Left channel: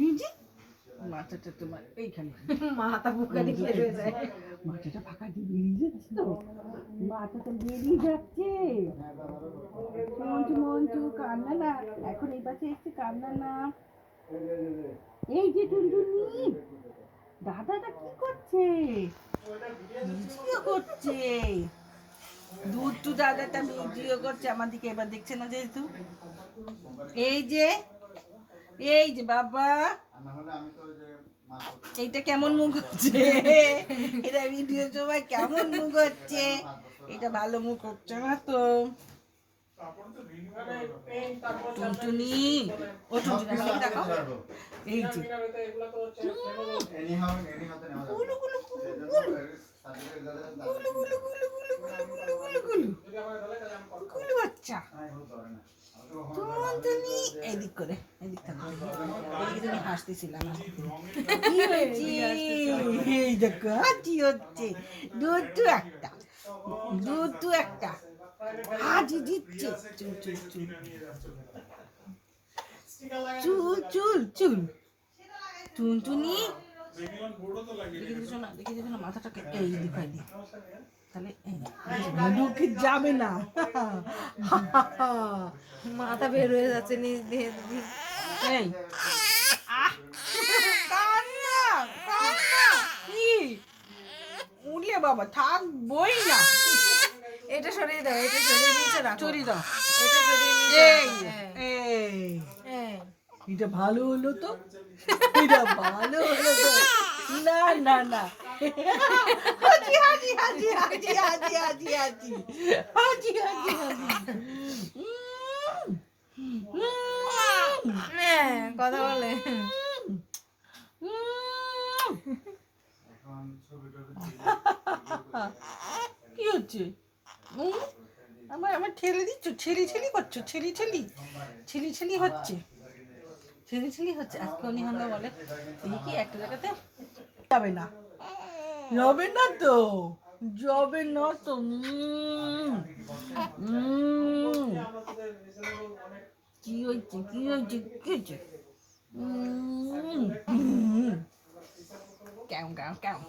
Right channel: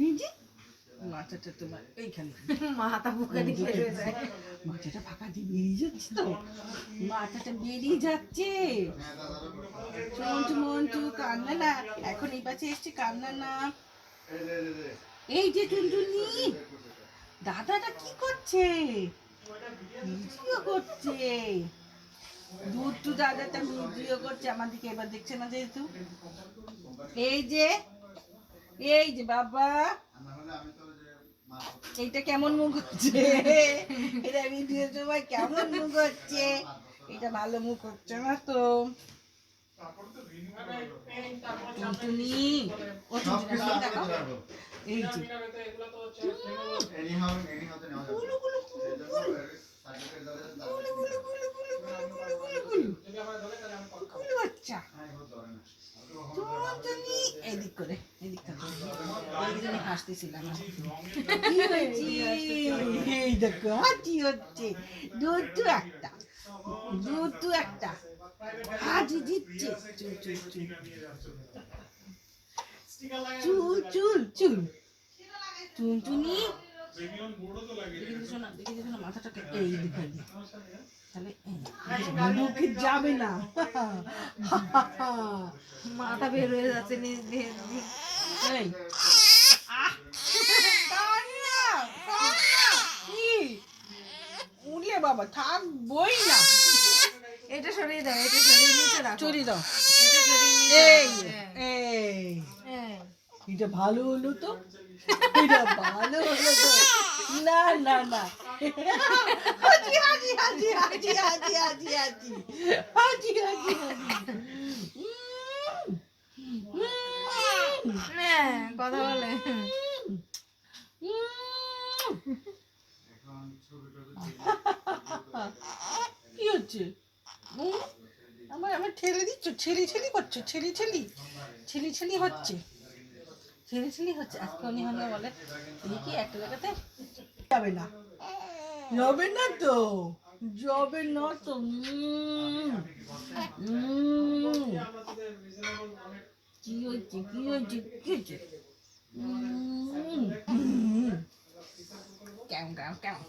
নিজে মাথাটা তোমার এইখানে মাথা বুকে দিয়ে হয়ে যায়। মাথাটা ফাঁকা দিয়ে বেরিয়ে যাচ্ছে তো, মাথাটা বেরিয়ে যাচ্ছে। মন্টু মন্টু কান্না না, এখন এই পাশে এসছে কান্না না। এই যে টুনটুনি, দাদাটা কি করছে? ভিডিও করছে। দুধ দাদাটা ভিডিও করছে আমার দিকে, এবার দেখছে না যেহেতু। এই যে এই যে বাবা, এইটা কেমন মুখ হচ্ছে, এটা ভিডিও সময় কেমন মুখ হচ্ছে, এটা ভালো মুখ হচ্ছে না তো। টুনটুনি, ও টুনটুনি আমাকে দেখাও। এই যে গুলু গুলু গুলু গুলু গুলু গুলু গুলু গুলু গুলু গুলু গুলু গুলু বাচ্চা টুনটুনি। এদিক করে, এদিক থেকে এদিকে তুমি হাসতেছিলাম। কি হয়েছে? এই দেখো হাঁটি হচ্ছে, দুধ একটা, দুধ একটা হাঁটি দিচ্ছে। চুল চুল চুল চুল চুল চুল। টুনটুনি দেখে দিছো না, দেখে দিছো না মাথাটাকে, এই দেখাই দি তাহলে মুখে যাবে না। মাথা বের হয়ে যাচ্ছে নিজ দিয়ে। এই কান্না কান্না কি উঠলে বাবা থাকবই না। এটা সরিয়ে দাও, এটা সরিয়ে নিচে রাখো। চড়িয়ে দাও, এটা সরিয়ে নিচে এই রাখো। এই হ্যাঁ। এটা ভালো হলো তো, এটা ভালো হলো তো। না না না, হাজি হাজি হাজি হাজি হাজি হাজি হাজি হাজি হাজি হাজি। হ্যাঁ, কথা বলে। কি হচ্ছে? আমার আমার ঠেলে দিচ্ছ, ছেলি ছেলি করছো, ছেলি ছেলি ছেলি ছেলি হচ্ছে, ছেলি ছেলি হচ্ছে। আজকে উনি হলো বলে এই কি একটা জায়গাতে যাবে না, যাবে না তো, যাবে না তো। কি হয়েছে কি হয়েছে কি হয়েছে? কেমন কেমন কেমন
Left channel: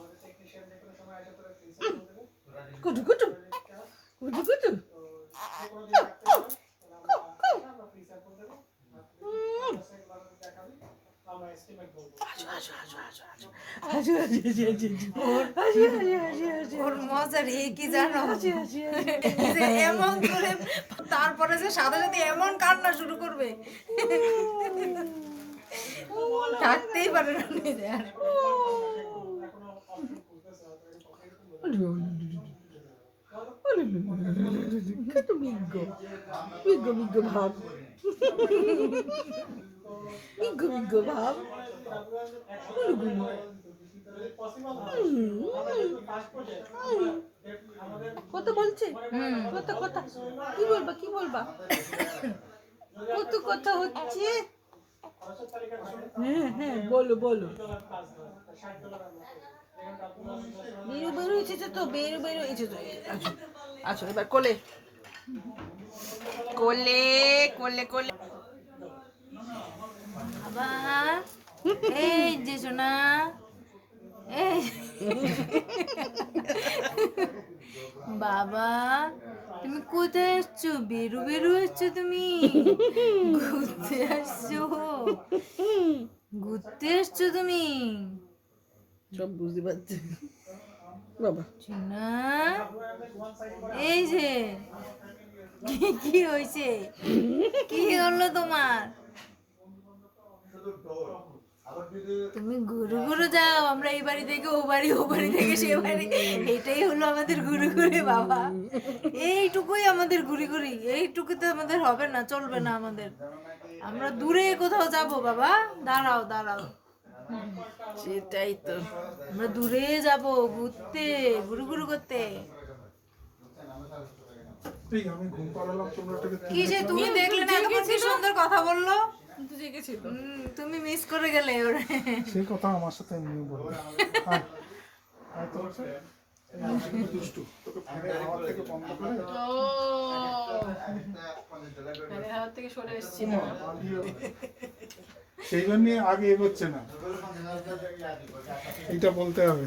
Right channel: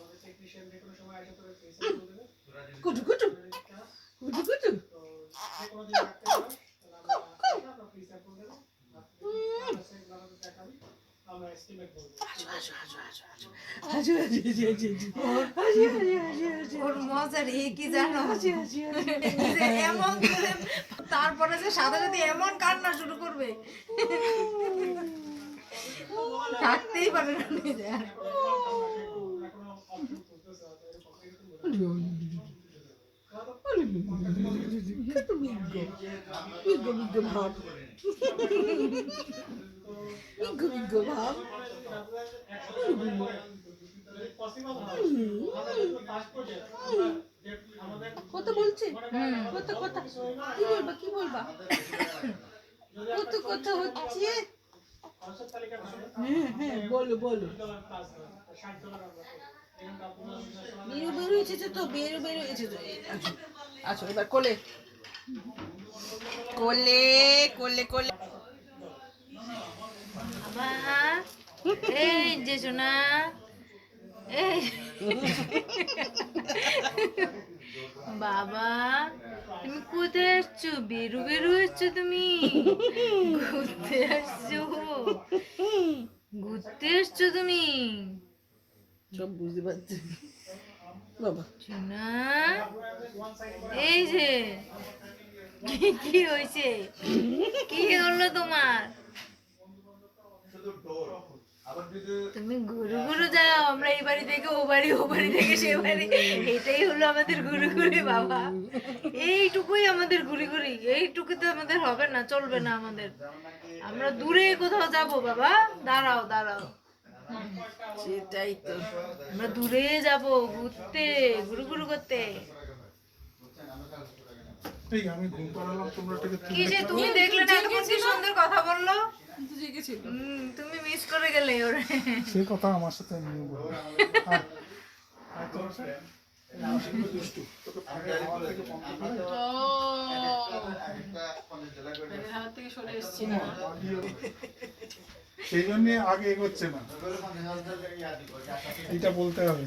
কুটু কুটু কুটু কুটু। ওর মজার কি জানো, যে এমন করে তারপরে যে সাথে যদি এমন কান্না শুরু করবে, থাকতেই পারে না নিজে আর। কত বিজ্ঞ বিজ্ঞ বিজ্ঞ ভাব, বিজ্ঞ বিজ্ঞ ভাব। কত বলছে, কত কথা, কি বলবা কি বলবা, কত কথা হচ্ছে। হ্যাঁ হ্যাঁ বলো বলো। বেরু বেরু এসেছে তো, বেরু বেরু এসেছে। আচ্ছা আচ্ছা এবার কোলে কোলে কোলে কোলে। বাবা, এই যে সোনা, এই বাবা, তুমি কোথায় আসছো? বেরু বেরু আসছো তুমি? ঘুরতে আসছো, ঘুরতে আসছো তুমি? সব বুঝতে পারছি বাবা। সোনা, এই যে কি হয়েছে, কি হলো তোমার? তুমি ঘুরে ঘুরে যাও, আমরা এই বাড়ি থেকে ও বাড়ি, ও বাড়ি থেকে সে বাড়ি, এটাই হলো আমাদের ঘুরে ঘুরে বাবা। এইটুকুই আমাদের ঘুরে ঘুরি, এইটুকুতে আমাদের হবে না, চলবে না আমাদের। আমরা দূরে কোথাও যাব বাবা, দাঁড়াও দাঁড়াও। সেটাই তো, আমরা দূরে যাব ঘুরতে, ঘুরু ঘুরু করতে। আমি ঘুম পাড়ালাম, তোমরা কি যে তুমি দেখলে না, এতক্ষণ কি সুন্দর কথা বললো, কিন্তু জেগেছিল। তুমি মিস করে গেলে ওরে। সেই কথা আমার সাথে নিয়ে বলবো। দুষ্টু, তোকে ফোনের হাওয়া থেকে বন্ধ করে হাওয়া থেকে সরে এসছি। সেই জন্য আগে এগোচ্ছে না, এইটা বলতে হবে।